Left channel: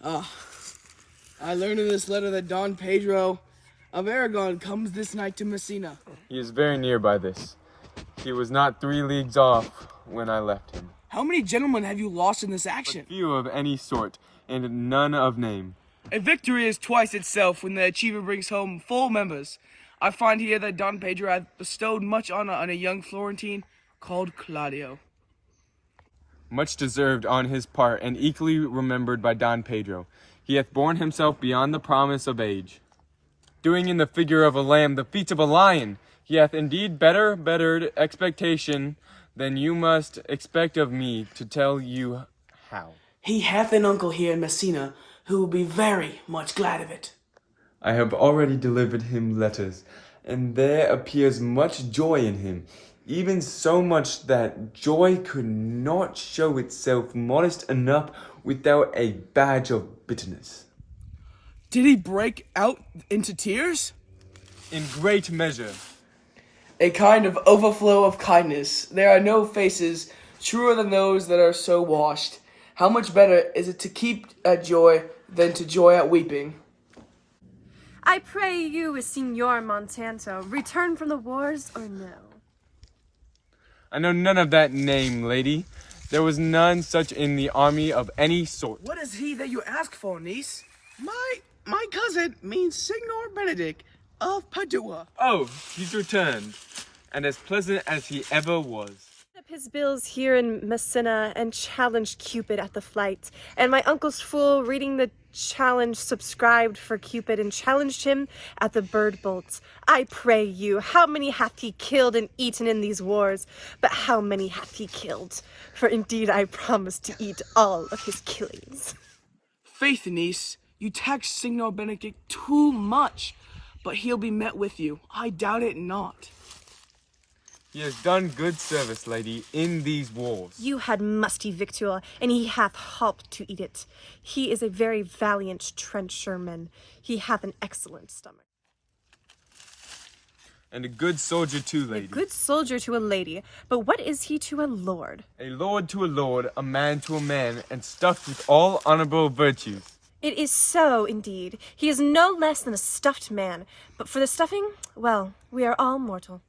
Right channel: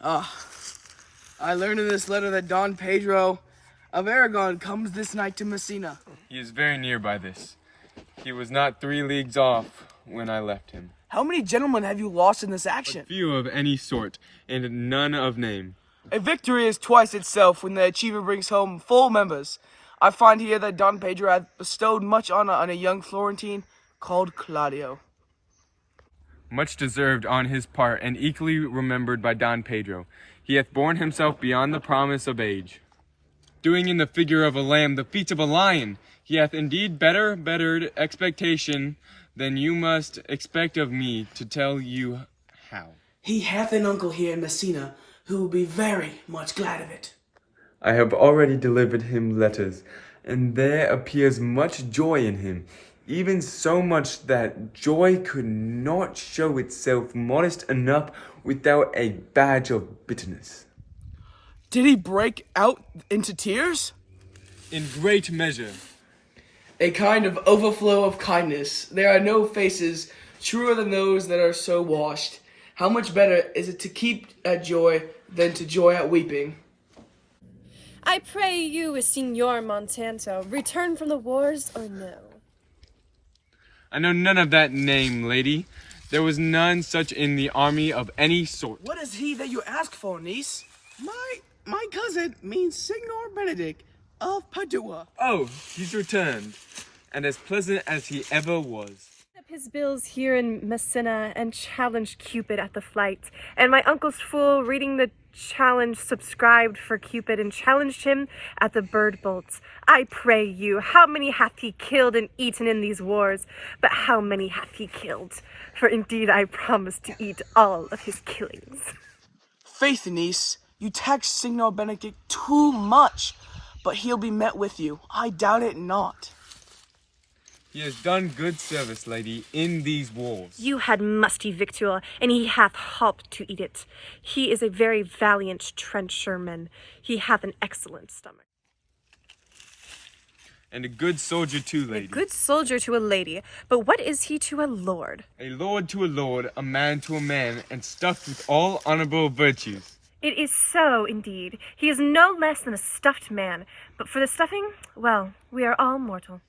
I learned in this letter that Don Pedro of Aragon comes this night to Messina. He is very near by this. He was not 3 leagues off when I left him. How many gentlemen have you lost in this action? Few of any sort, and none of name. A victory is twice itself when the achiever brings home full members. I find here that Don Pedro hath bestowed much honor on a young Florentine called Claudio. Much deserved on his part, and equally remembered by Don Pedro. He hath borne himself beyond the promise of age, doing in the figure of a lamb the feats of a lion. He hath indeed bettered expectation than you must expect of me to tell you how. He hath an uncle here in Messina who will be very much glad of it. I have already delivered him letters, and there appears much joy in him, even so much that joy could not show itself modest enough without a badge of bitterness. Did he break out into tears? In great measure. A kind of overflow of kindness. There are no faces truer than those that are so washed. How much better is it to keep at joy than to joy at weeping? I pray you, Signor Montanto, return from the wars or no? I know none of that name, lady. There was none such in the army of any sort. What is he that you ask for, niece? My cousin means Signor Benedict of Padua. Oh, he's returned, and as pleasant as he ever was. Up his bills here in Messina and challenged Cupid at the flight, and my uncle's fool reading the challenge subscribed for Cupid and challenged him at the bird bolts. I pray you, how many hath he killed and eaten in these wars? But how many hath he killed? For indeed I promise to eat all of his killings. Faith, niece, you tax Signor Benedict too much, but he'll be met with you. I doubt it not. He has done good service, lady, in these wars. You had musty victual, and he hath holp to eat it. He is a very valiant trencherman. He hath an excellent stomach. And a good soldier too, A lady. good soldier to a lady, but what is he to a lord? A lord to a lord, a man to a man, and stuffed with all honorable virtues. It is so, indeed. He is no less than a stuffed man, but for the stuffing, well, we are all mortal.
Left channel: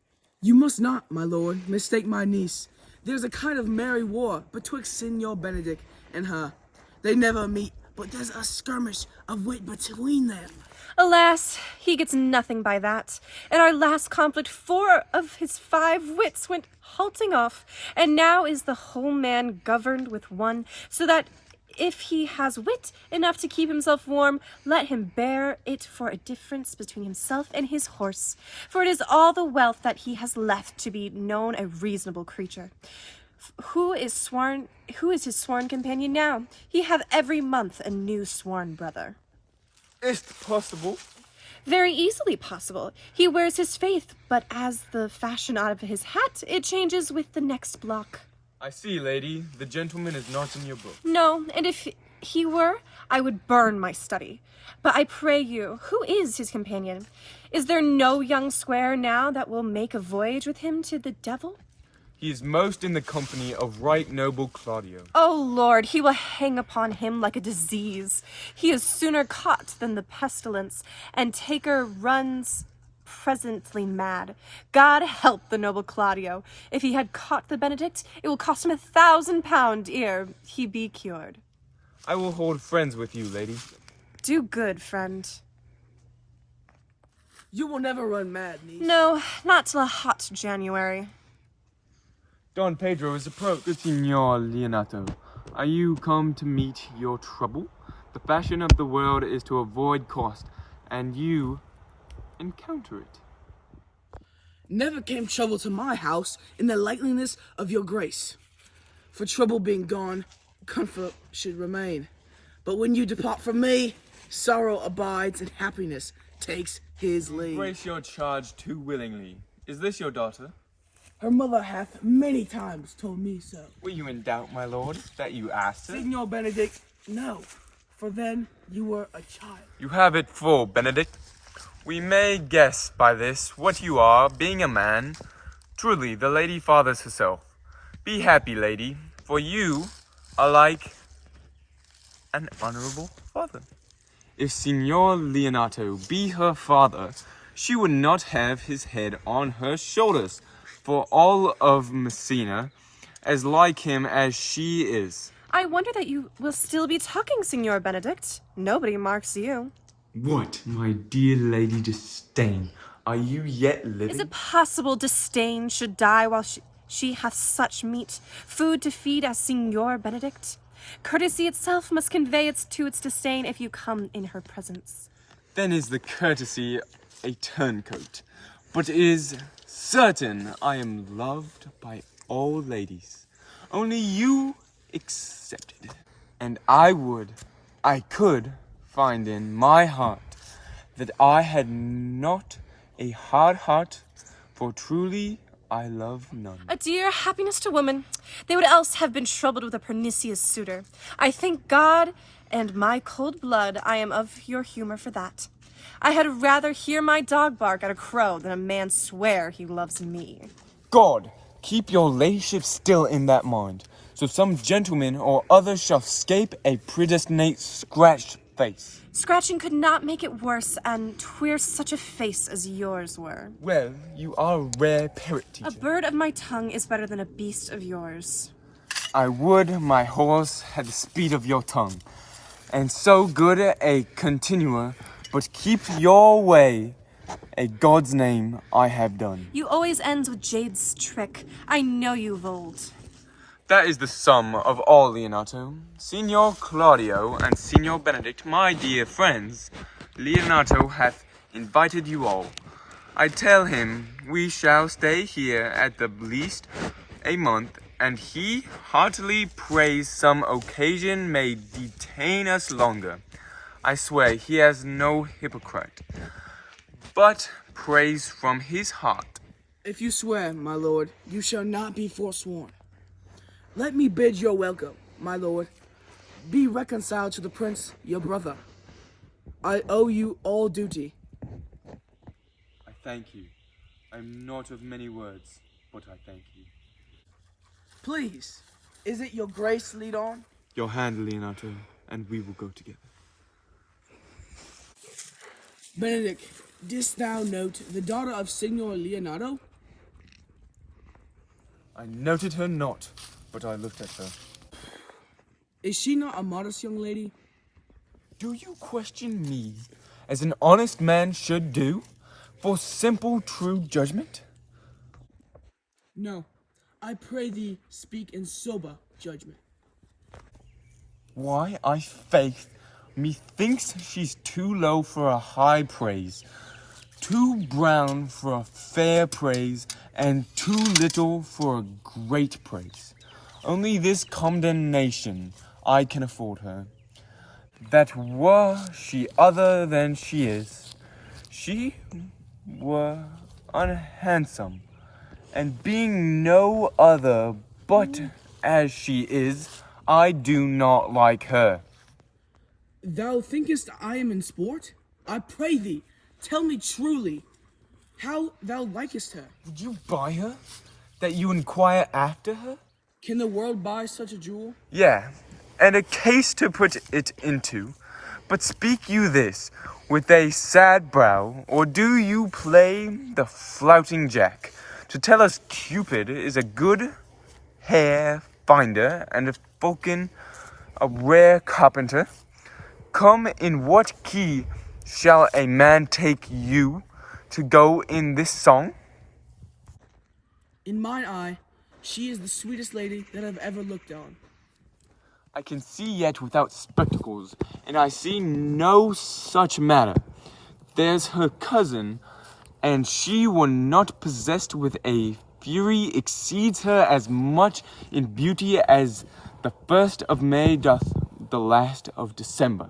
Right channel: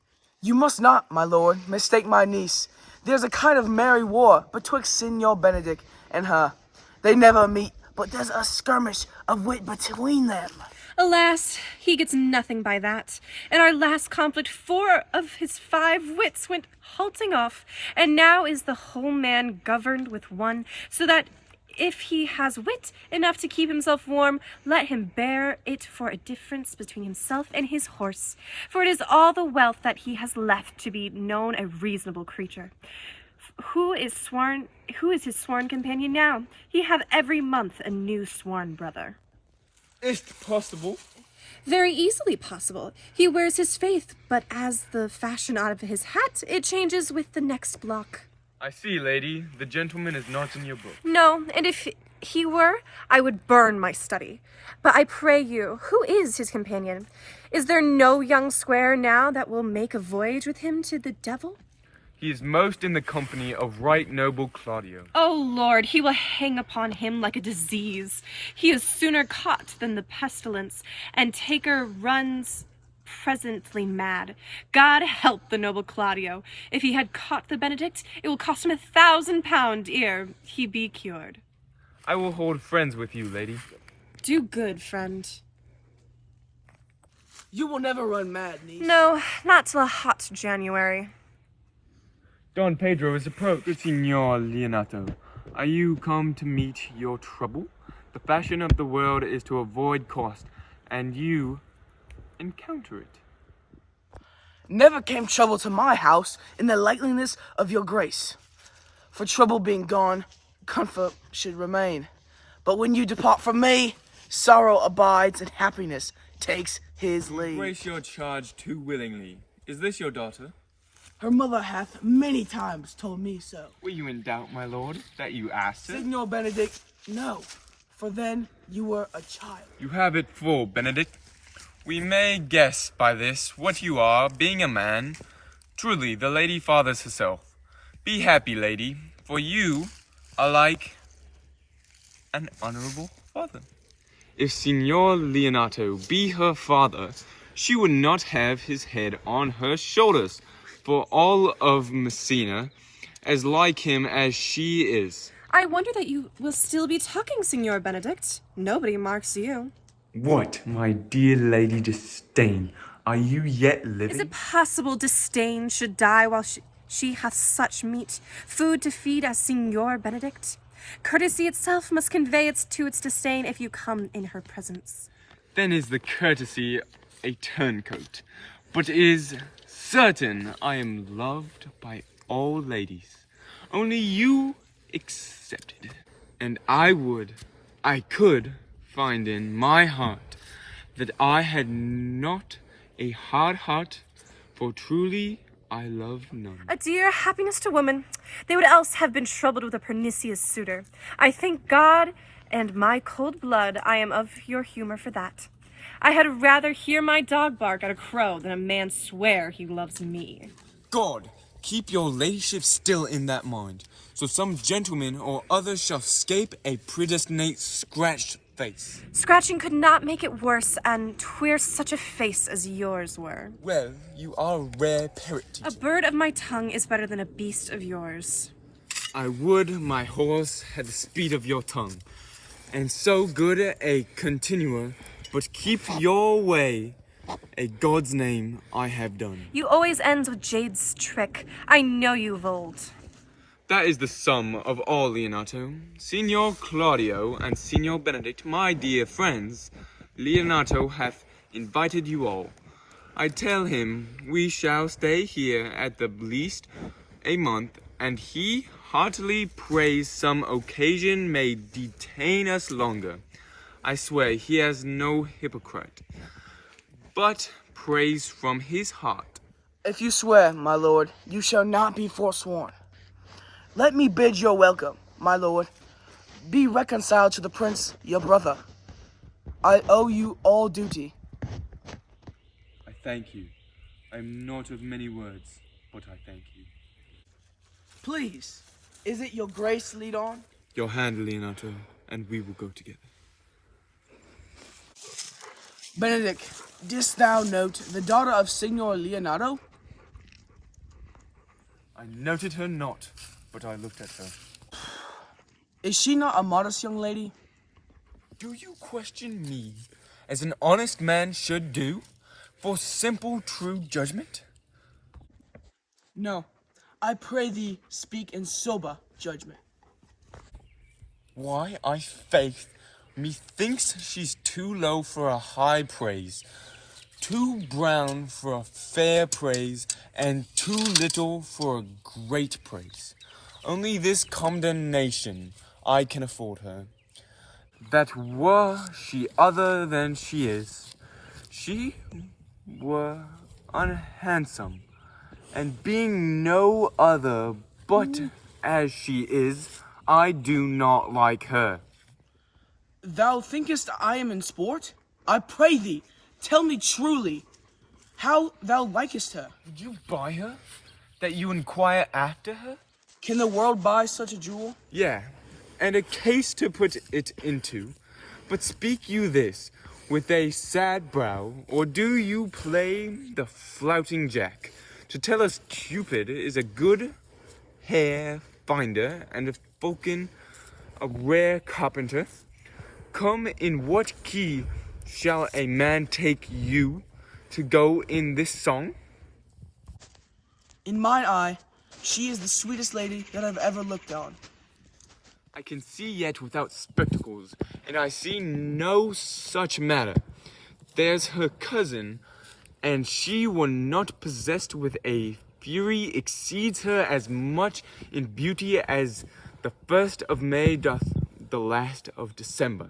You must not, my lord, mistake my niece. There's a kind of merry war betwixt Signor Benedict and her. They never meet, but there's a skirmish of wit between them. Alas, he gets nothing by that. In our last conflict, 4 of his 5 wits went halting off, and now is the whole man governed with one, so that if he has wit enough to keep himself warm, let him bear it for a difference between himself and his horse. For it is all the wealth that he has left to be known a reasonable creature. Who is his sworn companion now? He hath every month a new sworn brother. Is't possible? Very easily possible. He wears his faith, but as the fashion out of his hat, it changes with the next block. I see, lady. The gentleman is not in your book. No, and if he were, I would burn my study. But I pray you, who is his companion? Is there no young squire now that will make a voyage with him to the devil? He is most in the company of right noble Claudio. Oh, Lord, he will hang upon him like a disease. He is sooner caught than the pestilence, and taker runs presently mad. God help the noble Claudio. If he had caught the Benedict, it will cost him £1,000 ere he be cured. I will hold friends with you, lady. Do good, friend. You will never run mad, niece. No, not till a hot January. Don Pedro is approached. Good Signor Leonato, are you come to meet your trouble? The fashion of the world is to avoid cost, and you encounter it. Never came trouble to my house in the likeliness of your grace. For trouble being gone, comfort should remain. But when you depart from me, sorrow abides and happiness takes his leave. Embrace your charge too willingly. Is this your daughter? Her mother hath many times told me so. Were you in doubt, my lord, that you asked her? Signor Benedict, no, for then you were a child. You have it full, Benedict. We may guess by this what you are, being a man. Truly, the lady fathers herself. Be happy, lady, for you are like an honorable father. father. If Signor Leonato be her father, she would not have his head on her shoulders, for all of Messina as like him as she is. I wonder that you will still be talking, Signor Benedict. Nobody marks you. What, my dear Lady Disdain, are you yet living? Is it possible Disdain should die while she hath such meat, food to feed as Signor Benedict? Courtesy itself must convey its disdain if you come in her presence. Then is the courtesy a turncoat, but is certain I am loved by all ladies, only you excepted. And I could find in my heart that I had not a hard heart, for truly I love none. A dear happiness to woman, they would else have been troubled with a pernicious suitor. I thank God and my cold blood I am of your humor for that. I had rather hear my dog bark at a crow than a man swear he loves me. God, keep your ladyship still in that mind, so some gentleman or other shall scape a predestinate scratched face. Scratching could not make it worse, and 'twere such a face as yours were. Well, you are a rare parrot teacher. A bird of my tongue is better than a beast of yours. I would my horse had the speed of your tongue, and so good a continuer, but keep your way, a God's name I have done. You always ends with Jade's trick. I know you of old. That is the sum of all, Leonato. Signor Claudio and Signor Benedict, my dear friends, Leonato hath invited you all. I tell him we shall stay here at the least a month, and he heartily prays some occasion may detain us longer. I swear he has no hypocrite, but prays from his heart. If you swear, my lord, you shall not be forsworn. Let me bid your welcome, my lord. Be reconciled to the prince, your brother. I owe you all duty. I thank you. I am not of many words, but I thank you. Please, is it your grace lead on? Your hand, Leonato, and we will go together. Benedict, didst thou note the daughter of Signor Leonato? I noted her not, but I looked at her. Is she not a modest young lady? Do you question me, as an honest man should do, for simple true judgment? No, I pray thee speak in sober judgment. Why, I faith, methinks she's too low for a high praise, too brown for a fair praise, and too little for a great praise. Only this condemnation I can afford her, that were she other than she is, she were unhandsome, and being no other but as she is, I do not like her. Thou thinkest I am in sport? I pray thee, tell me truly, how thou likest her. Did you buy her, that you inquire after her? Can the world buy such a jewel? Yeah, and a case to put it into. But speak you this, with a sad brow, or do you play the flouting jack, to tell us Cupid is a good hair finder, and a Vulcan a rare carpenter? Come, in what key shall a man take you to go in this song? In mine eye, she is the sweetest lady that I've ever looked on. I can see yet without spectacles, and I see no such matter. There's her cousin, and she when not possessed with a fury exceeds her as much in beauty as the 1st of May doth the last of December.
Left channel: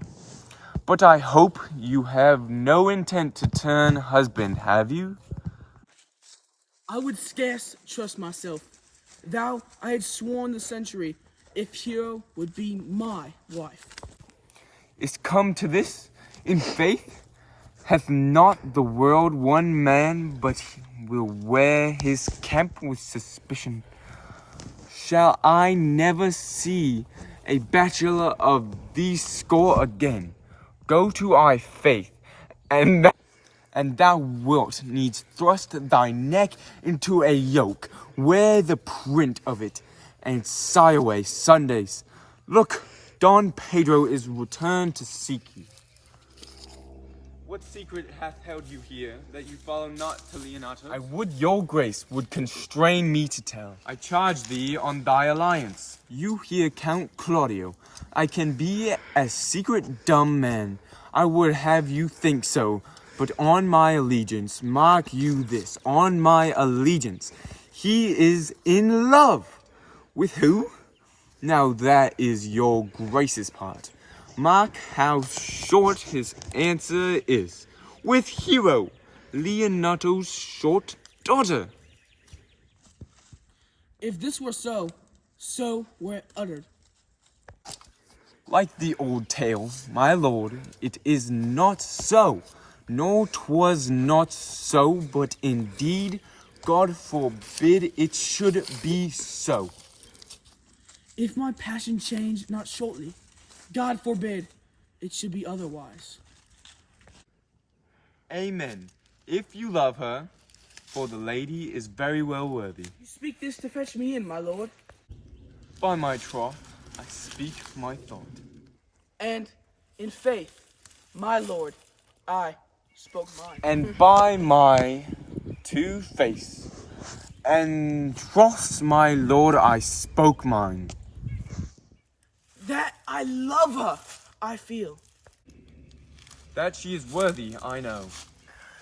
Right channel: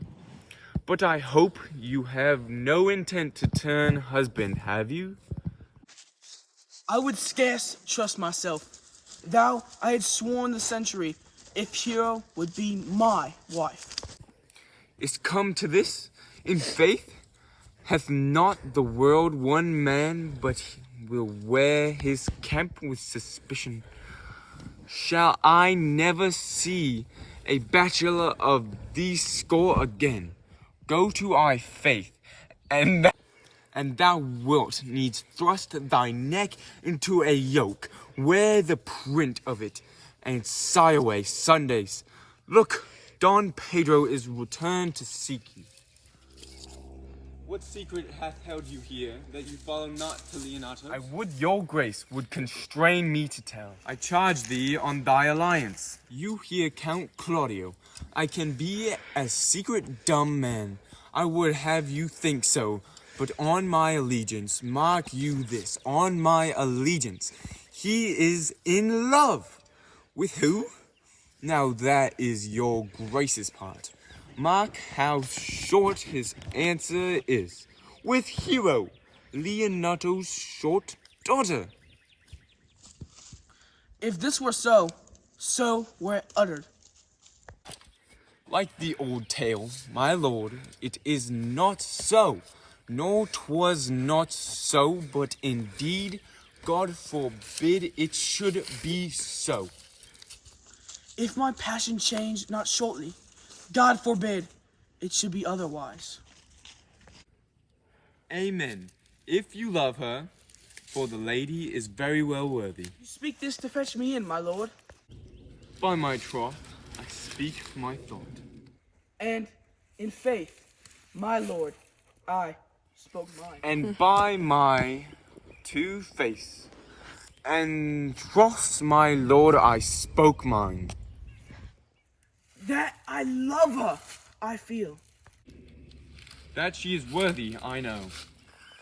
But I hope you have no intent to turn husband, have you? I would scarce trust myself. Thou, I had sworn the century, if Hero would be my wife. Is come to this, in faith? Hath not the world one man, but will wear his camp with suspicion? Shall I never see a bachelor of these score again? go to thy faith, and thou wilt needs thrust thy neck into a yoke, wear the print of it, and sigh away Sundays. Look, Don Pedro is returned to seek you. What secret hath held you here, that you follow not to Leonato? I would your grace would constrain me to tell. I charge thee on thy alliance. You hear Count Claudio. I can be a secret dumb man. I would have you think so, but on my allegiance, mark you this, on my allegiance, he is in love. With who? Now that is your grace's part. Mark how short his answer is. With Hero, Leonato's short daughter. If this were so, so were it uttered. Like the old tale, my lord, it is not so, nor 'twas not so, but indeed, God forbid it should be so. If my passion change not shortly, God forbid it should be otherwise. Amen. If you love her, for the lady is very well worthy. You speak this to fetch me in, my lord. By my troth, I speak my thought. And in faith, my lord, I spoke mine. And by my two face, and troth, my lord, I spoke mine. That I love her, I feel. That she is worthy, I know.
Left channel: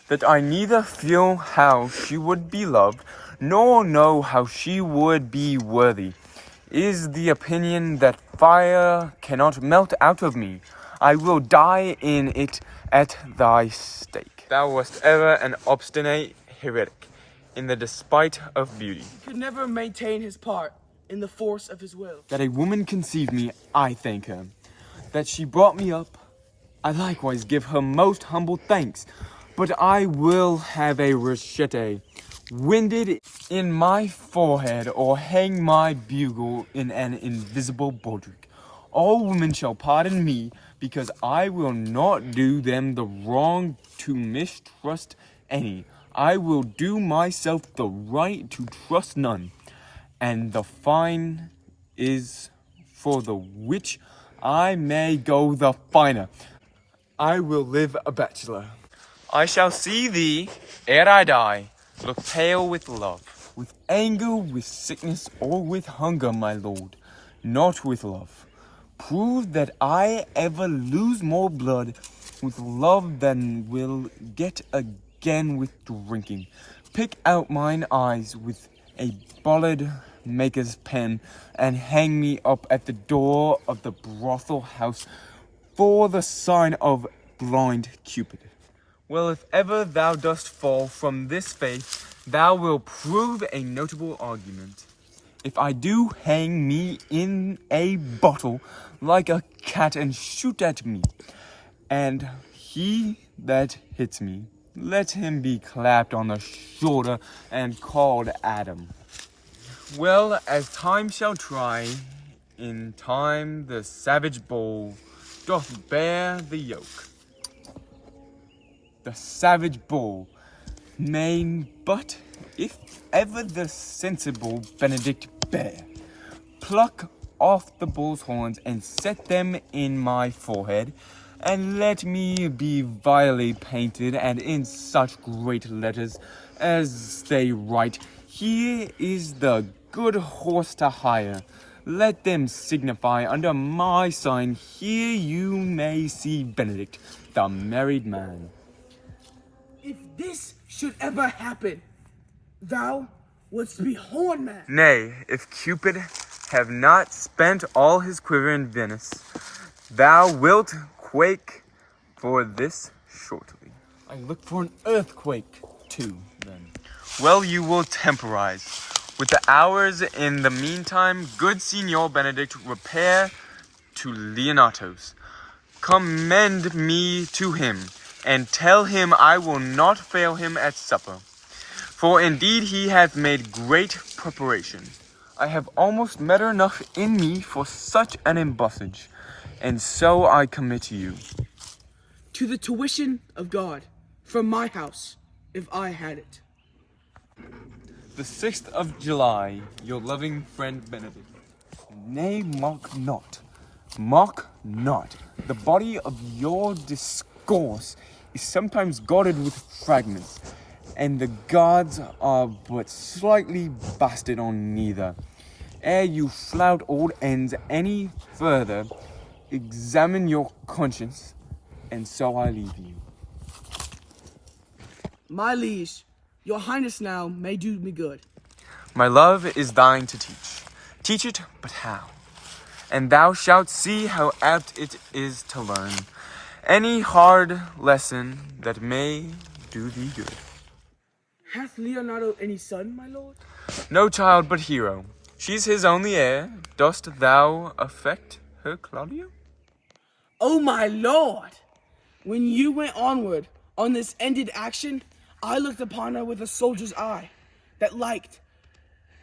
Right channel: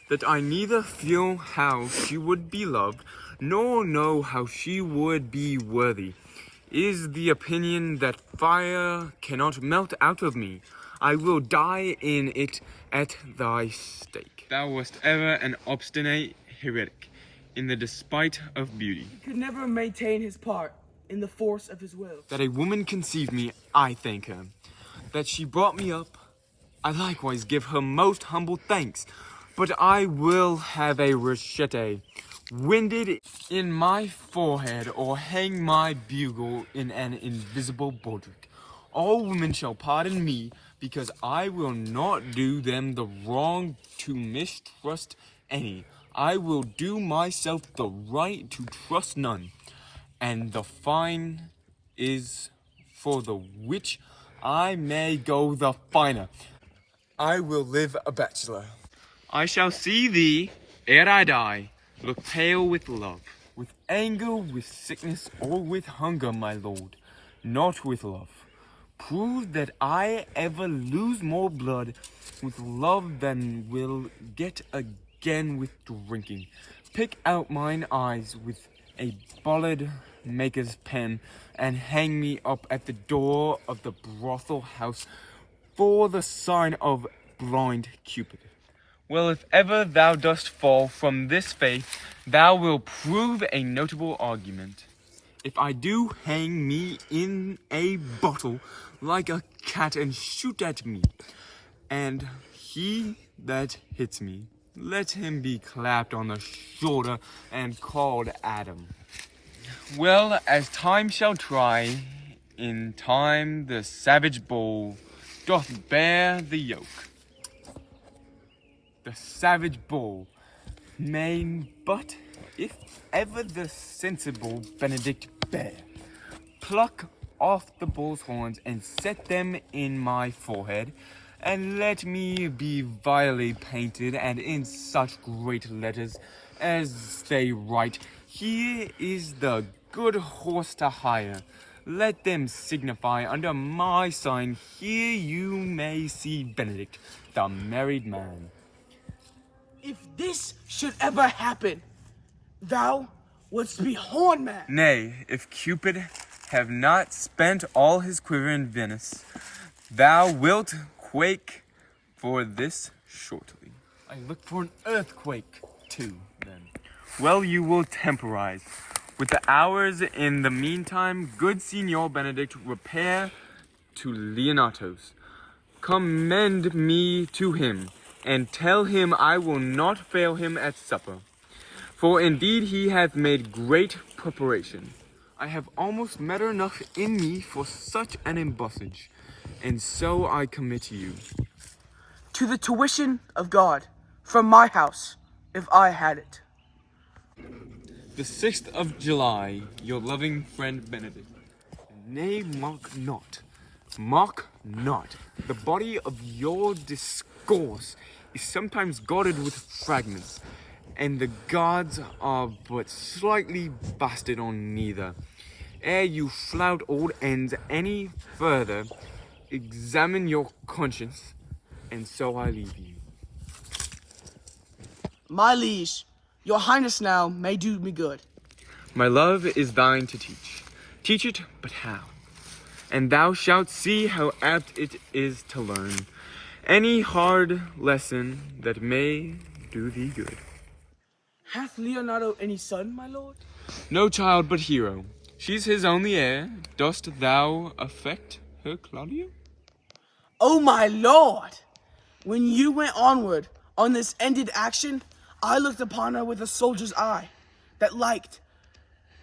That I neither feel how she would be loved, nor know how she would be worthy, is the opinion that fire cannot melt out of me. I will die in it at thy stake. Thou wast ever an obstinate heretic, in the despite of beauty. He could never maintain his part in the force of his will. That a woman conceived me, I thank her. That she brought me up, I likewise give her most humble thanks. But I will have a rachete winded in my forehead, or hang my bugle in an invisible baldric. All women shall pardon me, because I will not do them the wrong to mistrust any. I will do myself the right to trust none. And the fine is for the which I may go the finer. I will live a bachelor. I shall see thee, ere I die, look pale with love, with anger, with sickness, or with hunger, my lord, not with love. Prove that I ever lose more blood with love than will get again with drinking. Pick out mine eyes with a bollard maker's pen, and hang me up at the door of the brothel house for the sign of blind Cupid. Well, if ever thou dost fall from this faith, thou wilt prove a notable argument. If I do, hang me in a bottle like a cat and shoot at me. And he that hits me, let him be clapped on the shoulder and called Adam. Well, as time shall try, in time the savage bull doth bear the yoke. The savage bull may but, if ever the sensible Benedict bear, pluck off the bull's horns and set them in my forehead, and let me be vilely painted and in such great letters as they write, here is the good horse to hire. Let them signify under my sign, here you may see Benedict, the married man. If this should ever happen, thou wouldst be horn man. Nay, if Cupid have not spent all his quiver in Venice, thou wilt quake for this shortly. I look for an earthquake, too, then. Well, you will temporize. With the hours in the meantime, good Signor Benedict, repair to Leonato's. Commend me to him, and tell him I will not fail him at supper. For indeed he hath made great preparation. I have almost matter enough in me for such an embassage, and so I commit you. to the tuition of God from my house, if I had it. The 6th of July, your loving friend Benedict. Nay, mock not. Mock not. The body of your discourse is sometimes guarded with fragments, and the gods are but slightly basted on neither. Ere you flout old ends any further, examine your conscience, and so I leave you. My liege, your highness now may do me good. My love is thine to teach. Teach it, but how? And thou shalt see how apt it is to learn any hard lesson that may do thee good. Hath Leonardo any son, my lord? No child but Hero. She's his only heir. Dost thou affect her, Claudio? Oh, my lord! When you went onward on this ended action, I looked upon her with a soldier's eye that liked,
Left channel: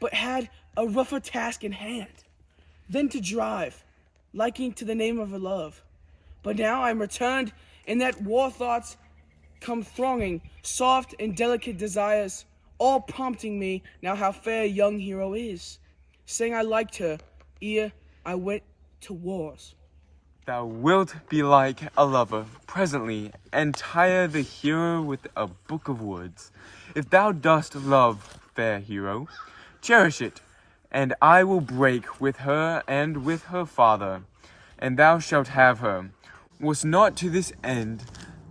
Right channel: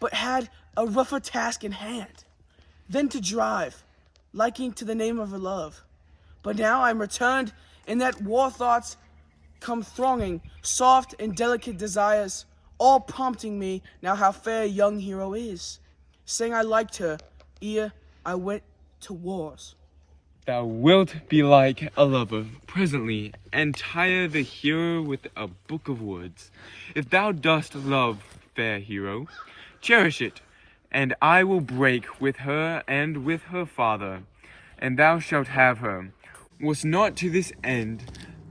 but had a rougher task in hand, than to drive, liking to the name of her love. But now I'm returned, in that war thoughts come thronging, soft and delicate desires, all prompting me now how fair young Hero is, saying I liked her ere I went to wars. Thou wilt be like a lover presently, and tire the hero with a book of words. If thou dost love, fair Hero, cherish it, and I will break with her and with her father, and thou shalt have her. Was not to this end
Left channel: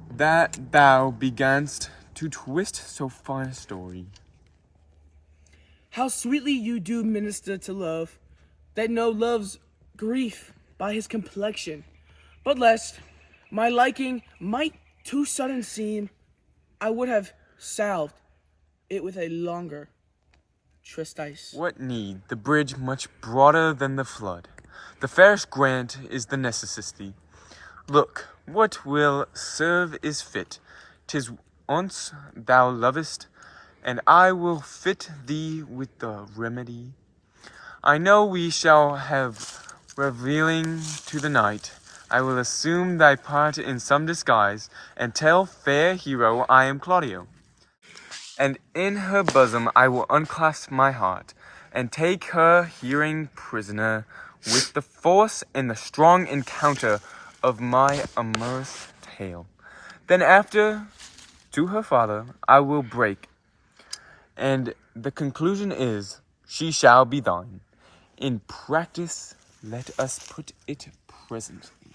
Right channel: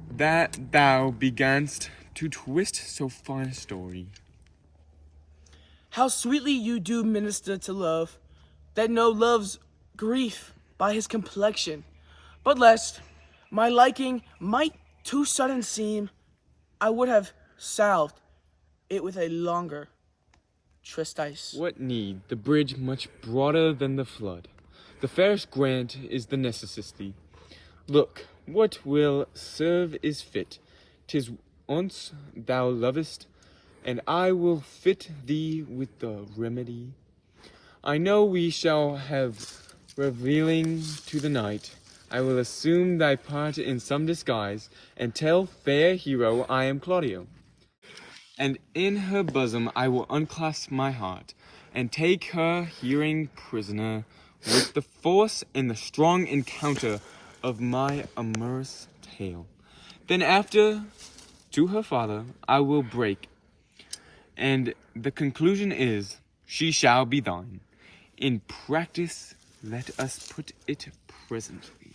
that thou beganst to twist so fine a story. How sweetly you do minister to love, that know love's grief by his complexion. But lest my liking might too sudden seem, I would have salved it with a longer treatise. What need? The bridge much broader than the flood. The fairest grant is the necessity. Look, what will serve is fit. 'Tis once thou lovest, and I will fit thee with the remedy. I know we shall have revealing to the night. I will assume thy part in some disguise, and tell fair Hero I am Claudio. And in her bosom I will unclasp my heart, and take her hearing prisoner, with the force and the strong encounter of my amorous tale. Then after, to her father I will break, and the conclusion is, she shall be thine. In practice, let us put it presently.